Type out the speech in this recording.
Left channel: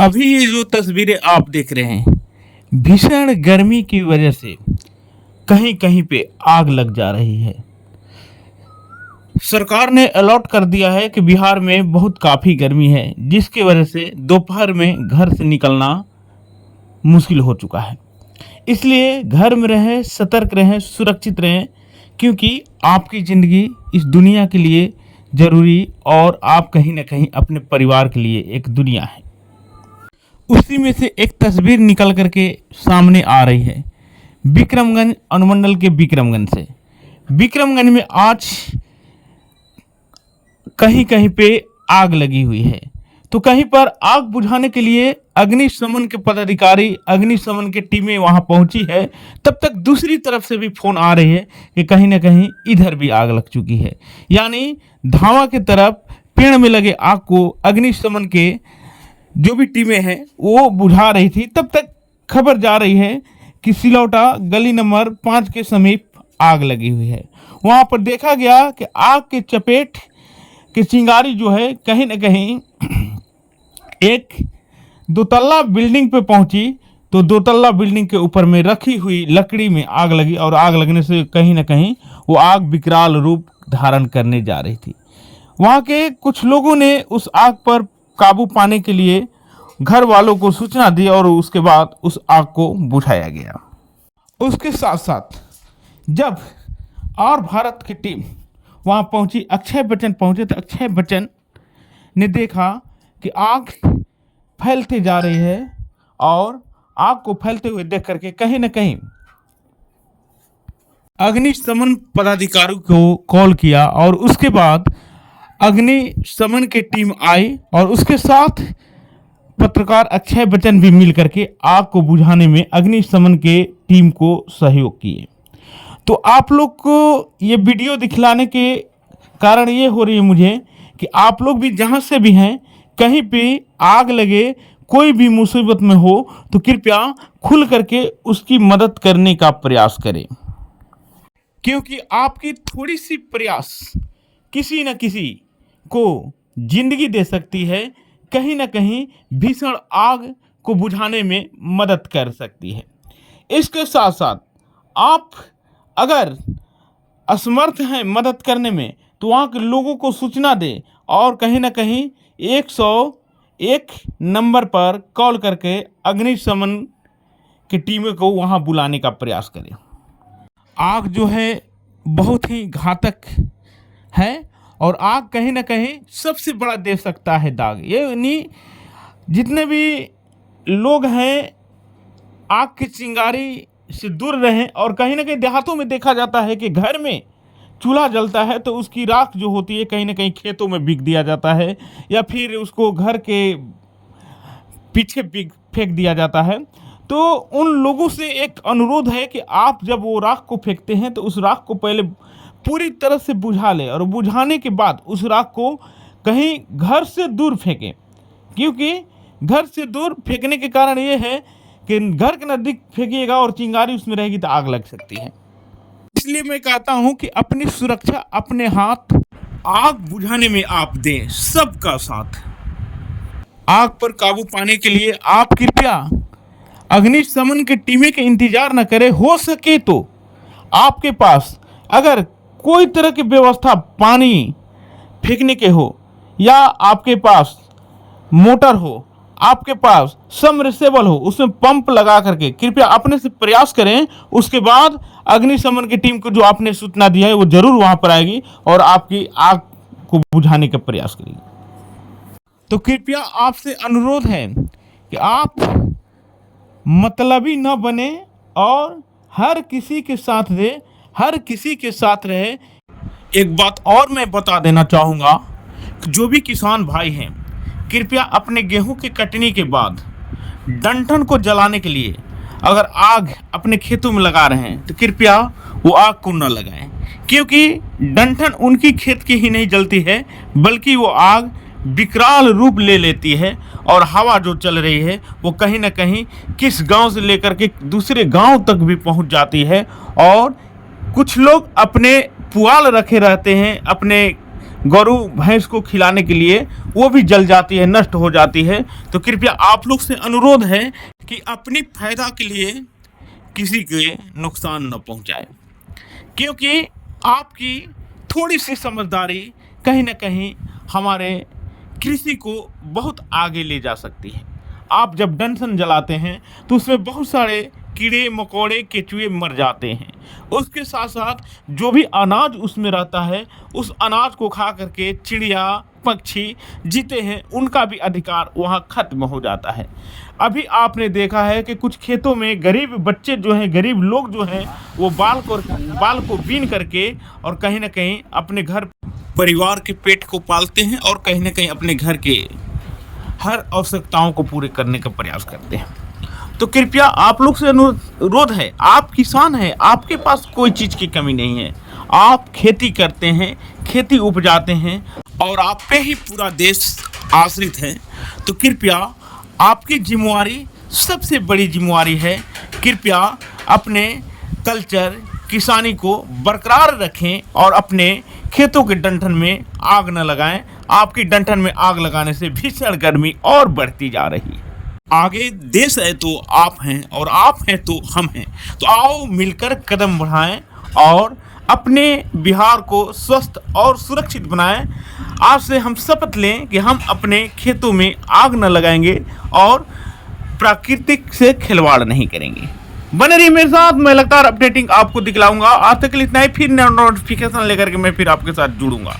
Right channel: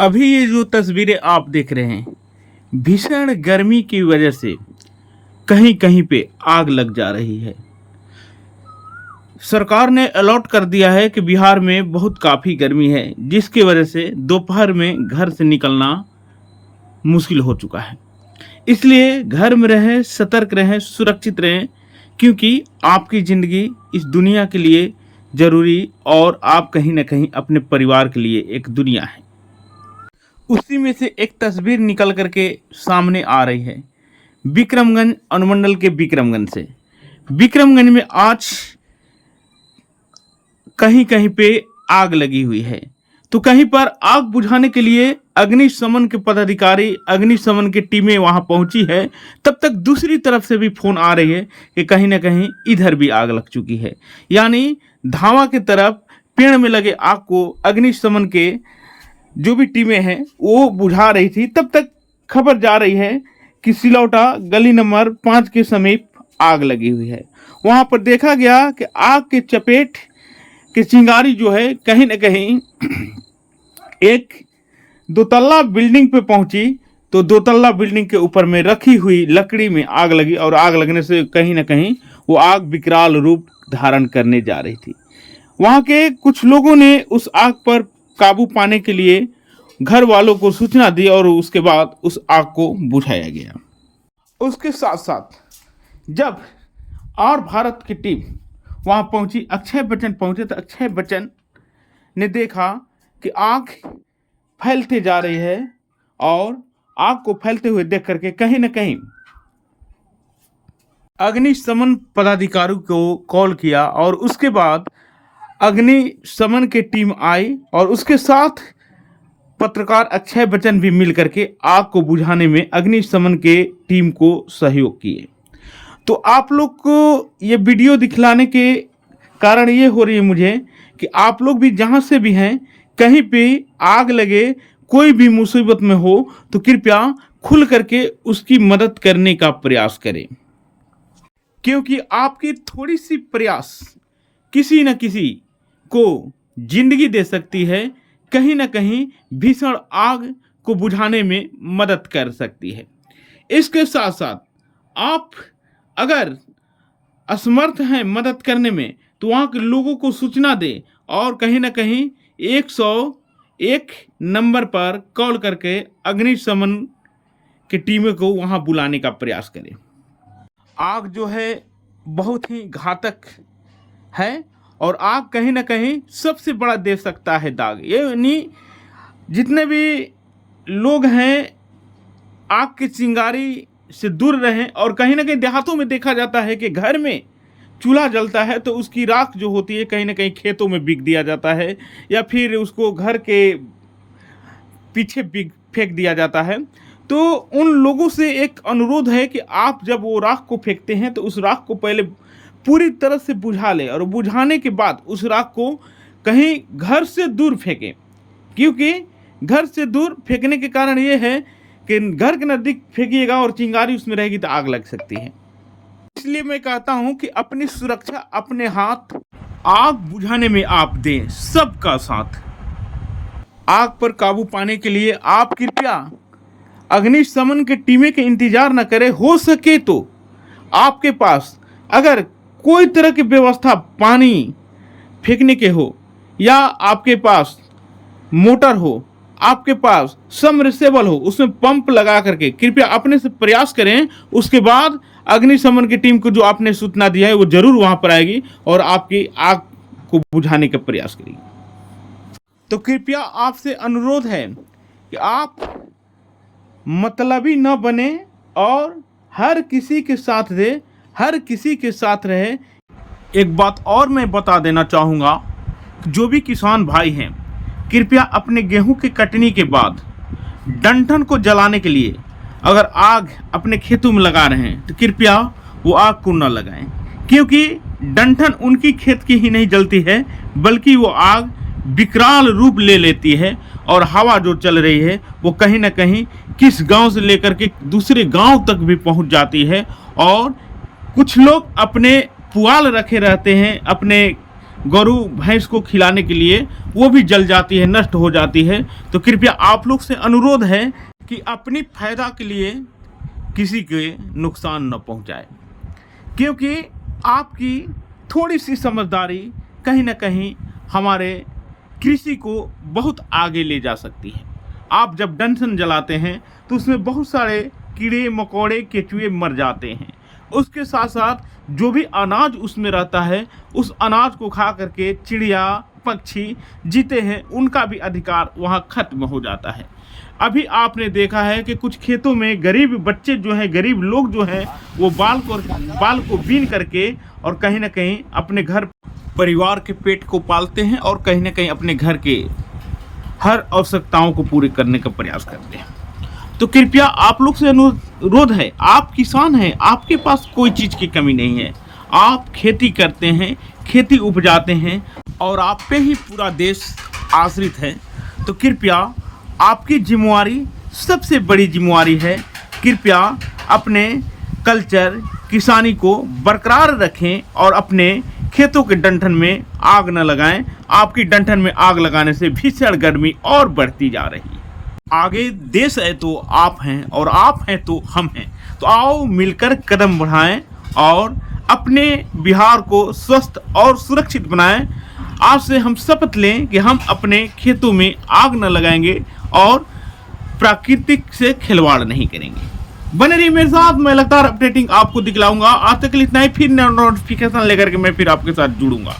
अभी ये जो तस्वीरें आप देख रहे हैं, भीषण गर्मी की वजह से कहीं कहीं पे आग लग जा रही है। सरकार ने अलॉट कर दिया है कि बिहार में बहुत काफ़ी गर्मी है, जिसकी वजह से दोपहर में घर से निकलना मुश्किल हो चुका है। इसलिए घर में रहें, सतर्क रहें, सुरक्षित रहें, क्योंकि आपकी ज़िंदगी इस दुनिया के लिए ज़रूरी और आप कहीं ना कहीं अपने परिवार के लिए एक दुनिया है। उसी में से एक तस्वीर निकल करके सामने आ रही है विक्रमगंज अनुमंडल के विक्रमगंज से। विक्रमगंज में आज कहीं कहीं पे आग लगी हुई है, तो कहीं पर आग बुझाने के लिए अग्निशमन के पदाधिकारी, अग्निशमन की टीमें वहां पहुंची है। तब तक दूसरी तरफ से भी फोन आ रही है कि कहीं ना कहीं इधर भी आग लग चुकी है। यानी धावा की तरफ पेड़ में लगे आग को अग्निशमन के जो भी टीमें हैं वो बुझा रही थी। तब तक खबर जा रही है कि सिलौटा गली नंबर 5 के समीप आग लगी हुई है। वहां पर देखा गया कि आग के चपेट की चिंगारी जो है कहीं न कहीं एक दोतल्ला बिल्डिंग पे पहुंची, तो दोतल्ला बिल्डिंग के ऊपर में रखी हुई लकड़ी में आग लगी और आग लगने से कहीं न कहीं वो आग विकराल रूप धारण करने जा रही थी। वहां के कुछ लोगों ने उस आग पर काबू पाने के लिए घर वालों को सूचना दी और उसके बाद उस आग को बुझाया गया। उसके साथ साथ जब और भारत की टीम वहां पहुंची, अक्षय बच्चन पहुंचे, तो अक्षय बच्चन ने देखा कि आग फैलते जा रही है और आग को फैलते हुए देख करके कहीं न कहीं अग्निशमन पदाधिकारियों को कॉल किया और उसके बाद अग्निशमन की टीम आई और उसके साथ पत्रकार अक्षय बच्चन भी मिल करके आग को बुझाने में अग्निशमन के टीम को सहयोग किए। तो आप लोग को ये वीडियो दिखलाने के कारण ये हो रही है मुझे कि आप लोग भी जहाँ से भी हैं, कहीं पे आग लगे, कोई भी मुसीबत में हो, तो कृपया खुल करके उसकी मदद करने का प्रयास करें, क्योंकि आपकी थोड़ी सी प्रयास किसी न किसी को जिंदगी दे सकती है, कहीं ना कहीं भीषण आग को बुझाने में मदद कर सकती है। इसके साथ साथ आप अगर असमर्थ हैं मदद करने में, तो वहाँ के लोगों को सूचना दें और कहीं ना कहीं 101 नंबर पर कॉल करके अग्निशमन की टीमों को वहाँ बुलाने का प्रयास करें। आग जो है बहुत ही घातक है और आग कहीं ना कहीं सबसे बड़ा दे सकता है दाग। ये नहीं, जितने भी लोग हैं आग की चिंगारी से दूर रहें। और कहीं ना कहीं देहातों में देखा जाता है कि घर में चूल्हा जलता है तो उसकी राख जो होती है कहीं ना कहीं खेतों में बिक दिया जाता है या फिर उसको घर के पीछे फेंक दिया जाता है। तो उन लोगों से एक अनुरोध है कि आप जब वो राख को फेंकते हैं तो उस राख को पहले पूरी तरह से बुझा लें और बुझाने के बाद उस राख को कहीं घर से दूर फेंकें, क्योंकि घर से दूर फेंकने के कारण ये है कि घर के नज़दीक फेंकिएगा और चिंगारी उसमें रहेगी तो आग लग सकती है। इसलिए मैं कहता हूँ कि अपनी सुरक्षा अपने हाथ, आग बुझाने में आप दें सबका साथ। आग पर काबू पाने के लिए आप कृपया अग्निशमन की टीमें के इंतजार न करें। हो सके तो आपके पास अगर कोई तरह की व्यवस्था पानी फेंकने के हो या आपके पास मोटर हो, आपके पास सबमर्सिबल हो, उसमें पंप लगा करके कृपया अपने से प्रयास करें। उसके बाद अग्निशमन की टीम को जो आपने सूचना दिया है वो जरूर वहां पर आएगी और आपकी आग को बुझाने का प्रयास करेगी। तो कृपया आपसे अनुरोध है कि आप मतलबी न बने और हर किसी के साथ दे, हर किसी के साथ रहे। एक बात और मैं बता देना चाहूँगा कि जो भी किसान भाई हैं, कृपया अपने गेहूं के कटनी के बाद डंठल को जलाने के लिए अगर आग अपने खेतों में लगा रहे हैं तो कृपया वो आग को न लगाएं, क्योंकि डंठल उनकी खेत की ही नहीं जलती है बल्कि वो आग विकराल रूप ले लेती है और हवा जो चल रही है वो कहीं ना कहीं किस गांव से लेकर के दूसरे गांव तक भी पहुंच जाती है। और कुछ लोग अपने पुआल रखे रहते हैं, अपने गौरू भैंस को खिलाने के लिए वो भी जल जाती है, नष्ट हो जाती है। तो कृपया आप लोग से अनुरोध है कि अपनी फायदा के लिए किसी के नुकसान न पहुंचाए, क्योंकि आपकी थोड़ी सी समझदारी कहीं ना कहीं हमारे कृषि को बहुत आगे ले जा सकती है। आप जब डंठल जलाते हैं तो उसमें बहुत सारे कीड़े मकोड़े केचुए मर जाते हैं। उसके साथ साथ जो भी अनाज उसमें रहता है, उस अनाज को खा करके चिड़िया पक्षी जीते हैं, उनका भी अधिकार वहाँ खत्म हो जाता है। अभी आपने देखा है कि कुछ खेतों में गरीब बच्चे जो हैं, गरीब लोग जो हैं, वो बाल को बीन करके और कहीं ना कहीं अपने घर परिवार के पेट को पालते हैं और कहीं ना कहीं अपने घर के हर आवश्यकताओं को पूरी करने का प्रयास करते हैं। तो कृपया आप लोग से अनुरोध है, आप किसान हैं, आपके पास कोई चीज़ की कमी नहीं है, आप खेती करते हैं, खेती उपजाते हैं और आप पे ही पूरा देश आश्रित है। तो कृपया आपकी जिम्मेवारी, सबसे बड़ी जिम्मेवारी है, कृपया अपने कल्चर किसानी को बरकरार रखें और अपने खेतों के डंठल में आग न लगाएं। आपकी डंठल में आग लगाने से भीषण गर्मी और बढ़ती जा रही है। आगे देश है तो आप हैं और आप हैं तो हम हैं। तो आओ मिलकर कदम बढ़ाएं और अपने बिहार को स्वस्थ और सुरक्षित बनाएं। आज से हम शपथ लें कि हम अपने खेतों में आग न लगाएंगे और प्राकृतिक से खिलवाड़ नहीं करेंगे। बने रहिए मेरे साथ, मैं लगातार अपडेटिंग आपको दिखलाऊंगा। आज तक के लिए इतना ही, फिर नोटिफिकेशन लेकर के मैं फिर आपके साथ जुड़ूंगा।